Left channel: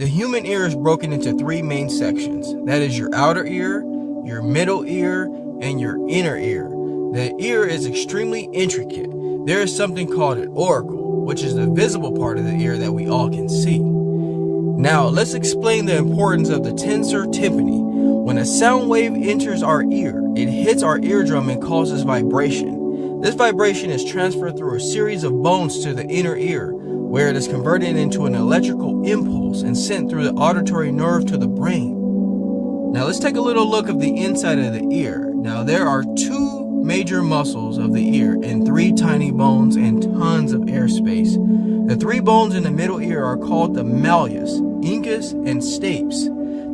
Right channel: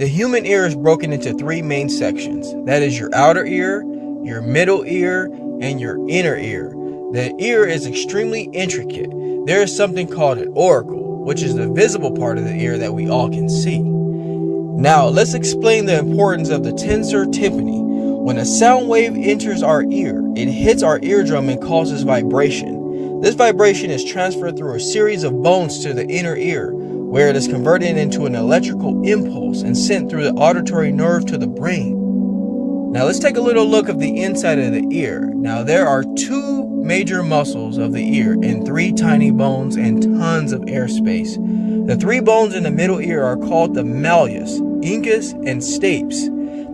The human ear is broken into three main sections. That is your outer ear, your middle ear, and your inner ear. The ear is extremely intricate. There is something called an auricle, which is the visible part of the ear that we all can see. Now, let's explain the importance of the tensor tympani. When a sound wave enters our ear, it hits our eardrum and causes vibration. This vibration is transferred through a series of bones to the inner ear, where it is converted into an electrical impulse and sent through the auditory nerve to the brain. Now let's take a little look of the inside of the ear. Now there are two major muscles of the ear and three tiny bones and tons of air space. The three bones in the middle ear are called the malleus, incus, and stapes.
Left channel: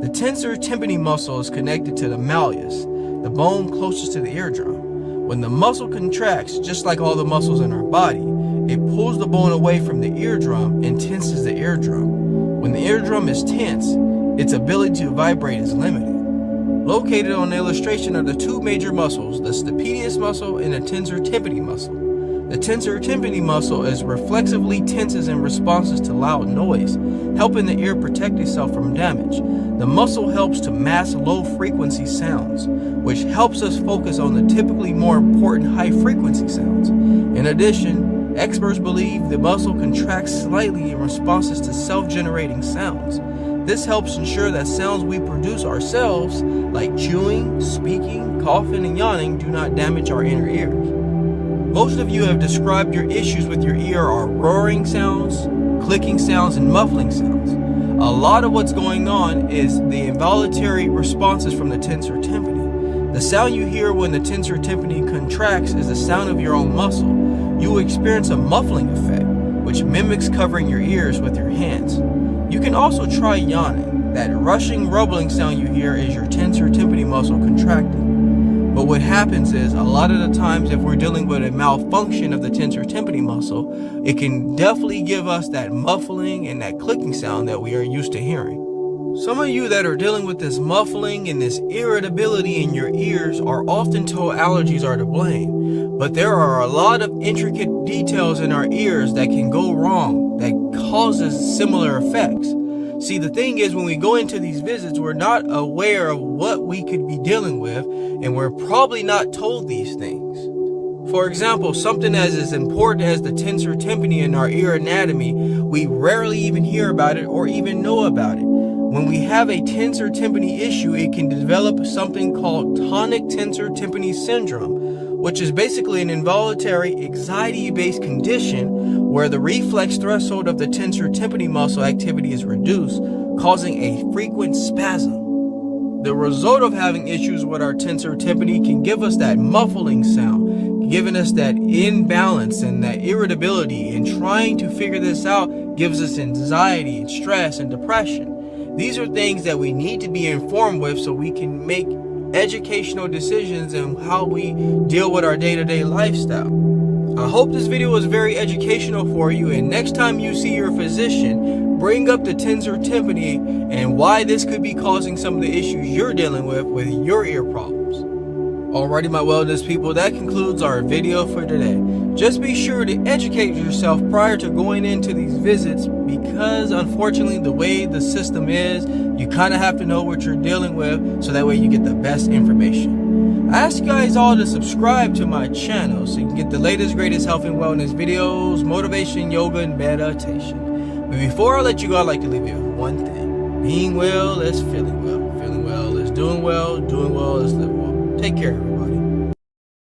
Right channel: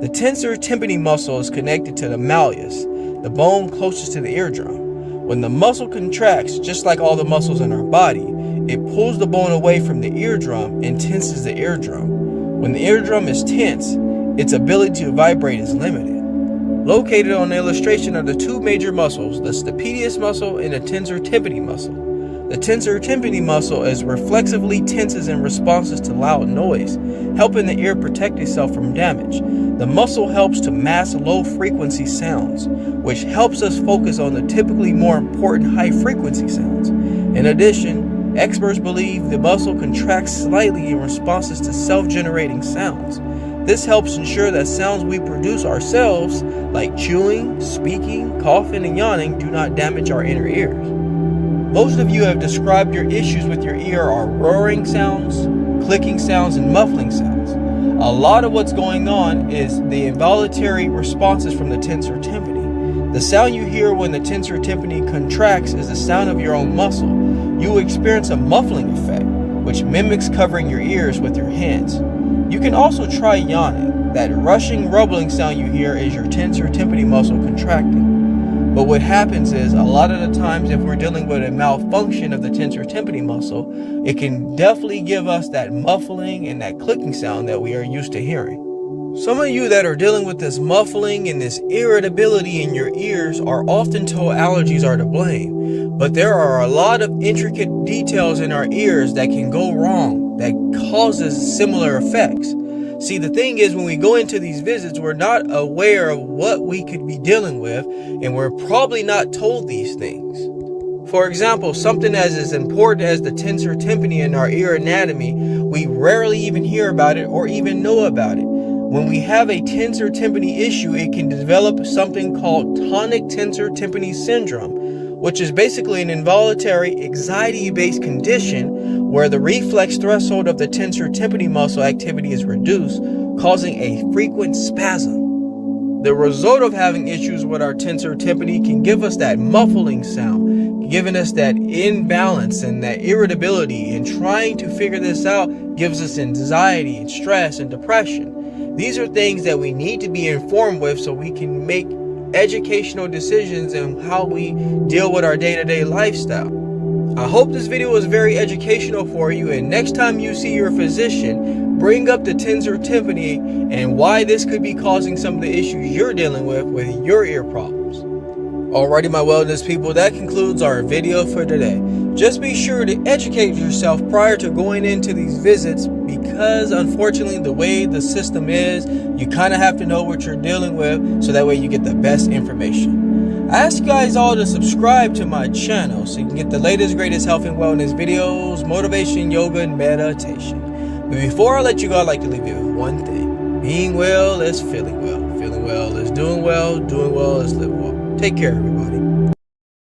The tensor tympani muscle is connected to the malleus, the bone closest to the eardrum. When the muscle contracts, just like all the muscles in our body, it pulls the bone away from the eardrum and tenses the eardrum. When the eardrum is tense, its ability to vibrate is limited. Located on the illustration are the two major muscles, the stapedius muscle and the tensor tympani muscle. The tensor tympani muscle is reflexively tenses in responses to loud noise, helping the ear protect itself from damage. The muscle helps to mask low-frequency sounds, which helps us focus on the typically more important high-frequency sounds. In addition, experts believe the muscle contracts slightly in responses to self-generating sounds. This helps ensure that sounds we produce ourselves, like chewing, speaking, coughing, and yawning, do not damage our inner ears. Most of you have described your issues with your ear are roaring sounds, clicking sounds, and muffling sounds. A lot of what's going on is the involuntary responses from the tensor tympani. The sound you hear when the tensor tympani contracts is the sound of your own muscle. You will experience a muffling effect, which mimics covering your ears with your hands. You can also try yawning. That rushing, rumbling sound you hear is your tensor tympani muscle contracting. But what happens is, a lot of the times if we're dealing with a malfunction of the tensor tympani muscle, it can definitely give us that muffling and that clicking sound that we are used to hearing. Some of you that are dealing with this muffling and this irritability in your ears are often told allergies are to blame. But there are a lot of intricate details in our ears that can go wrong, that causes similar effects. See, the thing is, when we go into these visits, we're not aware of what we could be dealing with, and we're probably not told these things. For example, something as important as the tensor tympani in our ear anatomy, we rarely even hear about it or even know about it. When we have a tensor tympani issue, it can develop something called tonic tensor tympani syndrome, which is basically an involuntary anxiety-based condition where the reflex threshold of the tensor tympani muscle activity is reduced, causing a frequent spasm. The result of having issues with our tensor tympani can give us that muffling sound, giving us that imbalance and that irritability, and trying to figure this out gives us anxiety and stress and depression. These are things that we need to be informed with so we can make educational decisions and how we deal with our day-to-day lifestyle. I hope this video was very educational for you, and next time you see your physician, bring up the tensor tympani and why this could be causing some of the issues you're dealing with your ear problems. Alrighty, my wellness people, that concludes our video for today. Just be sure to educate yourself prior to going into these visits, because unfortunately the way the system is, you kind of have to know what you're dealing with so that way you get the best information. I ask you guys all to subscribe to my channel so you can get the latest, greatest health and wellness videos, motivation, yoga, and meditation. But before I let you go, I'd like to leave you with one thing. Being well is feeling well. Feeling well is doing well. Doing well is living well. Take care, everybody.